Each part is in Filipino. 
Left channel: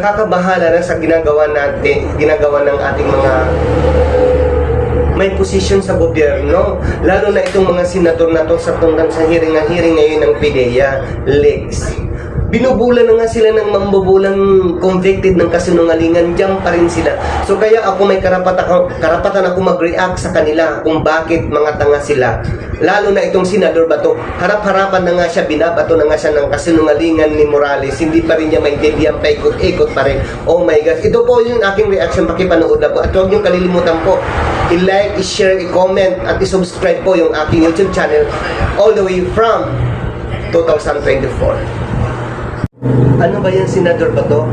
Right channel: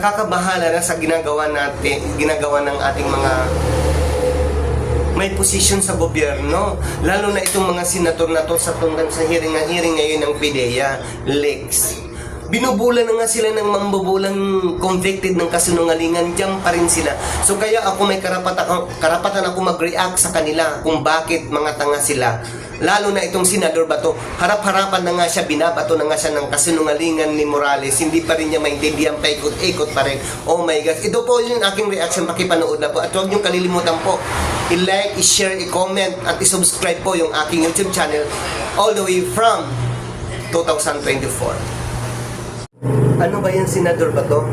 Nakakabahala na sa ginagawa ng ating mga may posisyon sa gobyerno, lalo na itong mga senador na to sa hearing ngayon ng PIDEA, Lex. Binubulan na nga sila ng mambubulang convicted ng kasinungalingan, diyan pa rin sila. So kaya ako may karapatan ako mag-react sa kanila kung bakit mga tanga sila. Lalo na itong senador Bato, harap-harapan na nga siya, binabato na nga siya ng kasinungalingan ni Morales, hindi pa rin niya maintindihan, paikot-ikot pa rin. Oh my God, ito po yung aking reaction, pakipanood na po. At huwag niyong kalilimutan po, i-like, i-share, i-comment, at i-subscribe po yung aking YouTube channel all the way from 2024. Ano ba yan, senador Bato?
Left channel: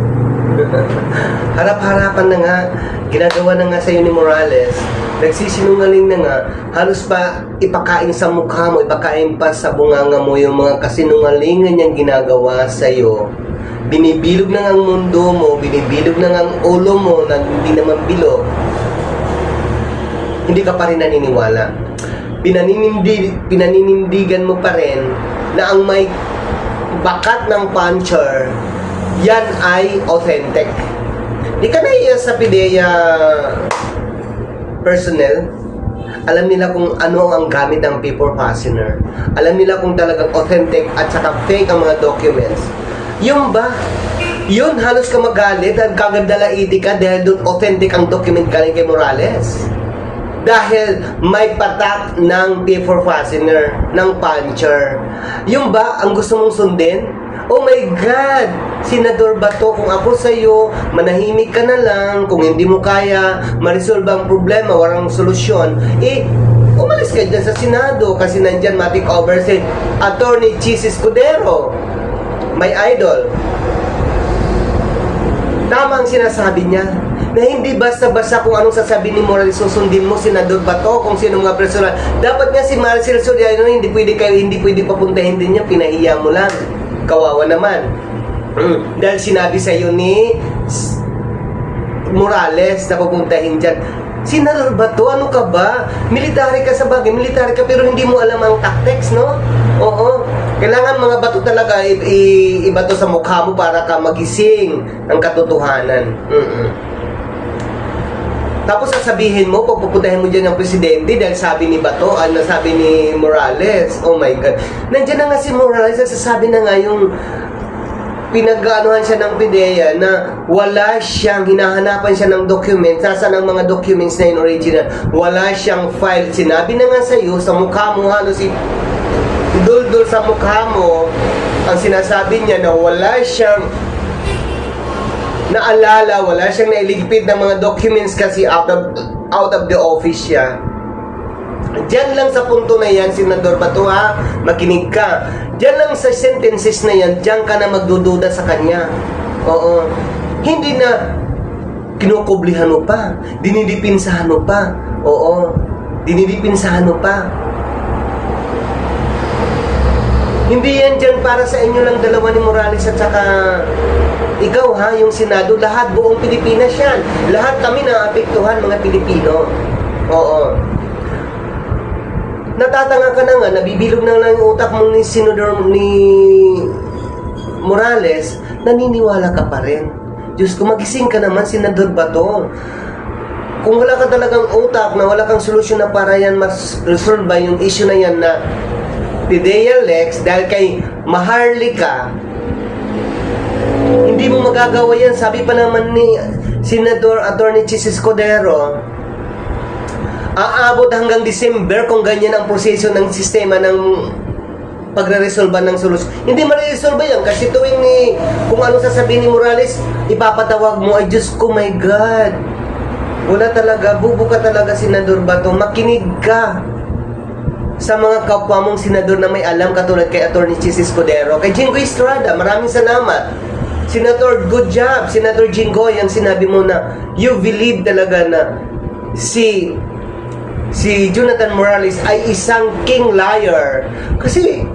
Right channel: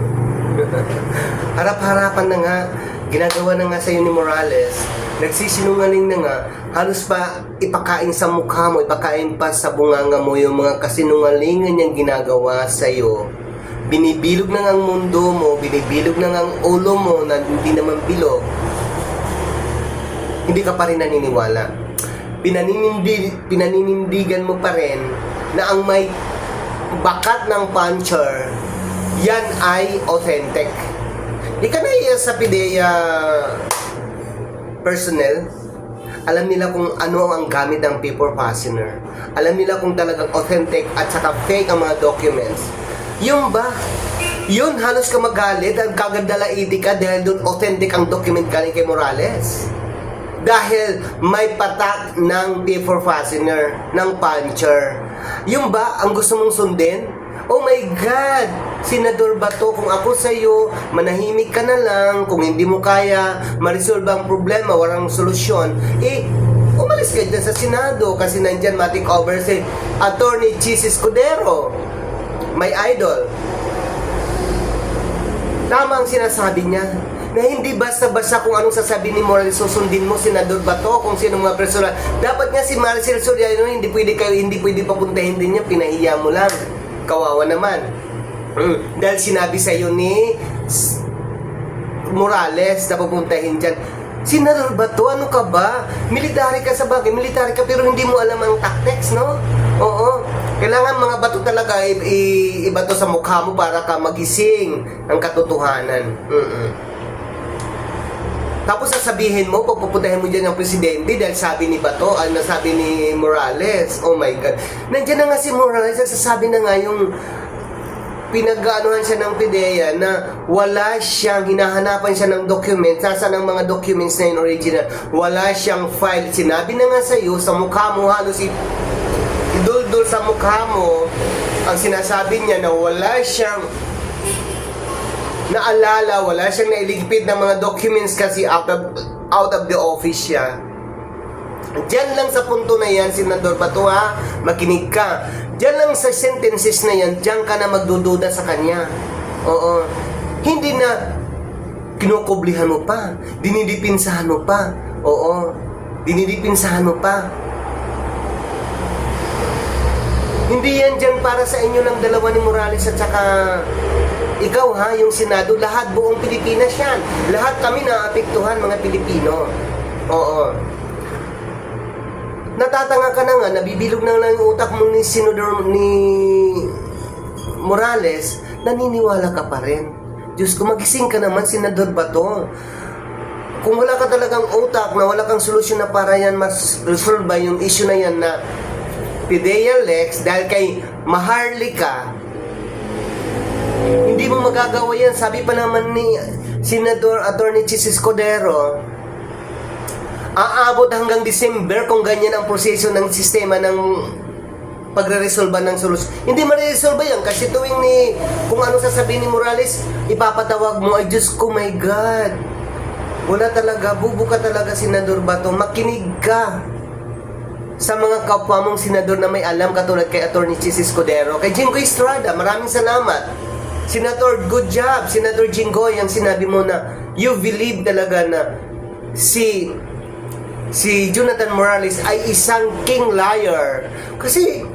Harap-harapan na nga, ginagawa na nga sa'yo ni Morales, nagsisinungaling na nga, halos pa ipakain sa mukha mo, ipakain pa sa bunganga mo yung mga kasinungalingan niyang ginagawa sa'yo. Binibilog na nga ang mundo mo, binibilog na nga ang ulo mo na hindi naman bilog. Hindi ka pa rin naniniwala. Pinaninindigan mo pa rin na ang may bakat ng puncher, yan ay authentic. Di ka naiya sa PIDEA personnel. Alam nila kung ano ang gamit ng paper fastener. Alam nila kung talagang authentic at saka fake ang mga documents. Yung ba? Yun, halos ka magalit at kagandalaiti ka dahil doon authentic ang document galing kay Morales. Dahil may patak ng paper fastener, ng puncher. Yung ba ang gusto mong sundin? Oh my God! Senador Bato, kung ako sa'yo, manahimik ka na lang. Kung hindi mo kaya ma-resolve ang problema, walang solusyon, umalis ka dyan sa Senado kasi nandyan matik over si Attorney Chis Escudero, my idol. Tama ang sinasabi niya na hindi basta-basta kung anong sasabihin ni Morales susundin mo, Senador Bato, kung sino mga personal. Dapat nga si Maricel Soriano, hindi pwede papuntahin din niya, pinahiya mo lang. Kawawa naman. Dahil sinabi sa iyo ni Morales na pupuntahin dyan. Senador Bato, ano ka ba? Military ka sa bagay, military ka pero hindi mo alam ang tactics, no? Oo. Kailangan mga bato talaga ibato sa mukha mo para ka magising ang katotohanan. Tapos sasabihin mo, pupuntahin mo dyan ng presidente dahil sabi ni Bato, sabi ni Morales. Oh my God. Nandiyan na nga si Morales, nagsasabi na nga yung pinag-anuhan siya ng PIDEA na wala siyang, hinahanapan siya ng document, saan ang mga documents na yun original, wala siyang file. Sinabi na nga sa'yo, sa mukha mo halos idol-dol sa mukha mo, ang sinasabi niya na wala siyang naalala, wala siyang nailigpit ng mga documents kasi out of the office siya. Diyan lang sa punto na yan, Senador Bato, ha? Makinig ka. Diyan lang sa sentences na yan, diyan ka na magdududa sa kanya. Oo. Hindi na kinukublihan mo pa, dinidipinsahan mo pa. Oo. Dinidipinsahan mo pa. Hindi yan dyan para sa inyo lang dalawa ni Morales at saka ikaw, ha, yung Senado, lahat buong Pilipinas yan. Lahat kami naapektuhan, mga Pilipino. Oo. Natatanga ka na nga, nabibilog na lang yung utak mo ni Senador ni Morales, naniniwala ka pa rin. Diyos ko, magising ka naman, Senador Bato. Kung wala ka talagang utak, na wala kang solusyon na para yan mas-resolve yung issue na yan na PIDEA Lex, dahil kay Maharlika, hindi mo magagawa yan. Sabi pa naman ni Senador Attorney Chis Escudero, aabot hanggang December kung ganyan ang proseso ng sistema ng pagre-resolba ng solusyon. Hindi ma-resolve yan kasi tuwing kung ano sasabihin ni Morales, ipapatawag mo, ay Diyos ko, my God. Wala talaga, bubo ka talaga, Senador Bato. Makinig ka sa mga kapwa mong senador na may alam katulad kay Attorney Chis Escudero, kay Jingo Estrada, maraming salamat. Senator, good job. Senator Jinggoy, ang sinabi mo na you believe talaga na si Jonathan Morales ay isang king liar. Kasi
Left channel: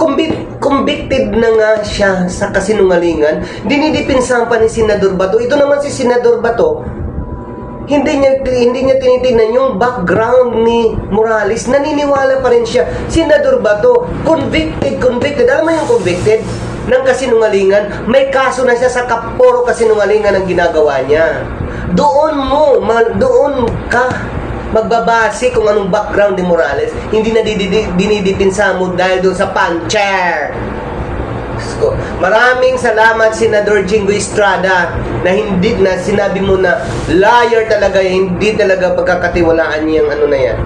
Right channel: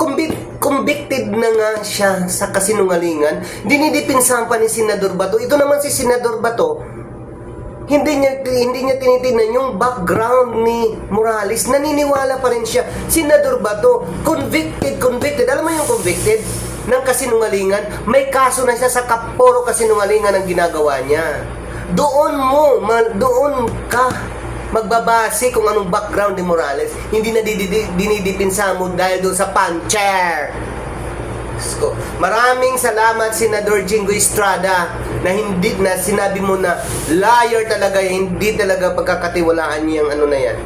convicted na nga siya sa kasinungalingan. Dinidipinsahan pa ni Senador Bato. Ito naman si Senador Bato, hindi niya tinitingnan yung background ni Morales. Naniniwala pa rin siya. Senador Bato, convicted. Alam mo yung convicted? ng kasinungalingan. May kaso na siya sa kaporo kasinungalingan ang ginagawa niya. Doon ka magbabase kung anong background ni Morales. Hindi na dinidipinsa mo dahil doon sa puncher. Maraming salamat Senador Jingo Estrada na sinabi mo na liar talaga, hindi talaga pagkakatiwalaan niyang ano na yan.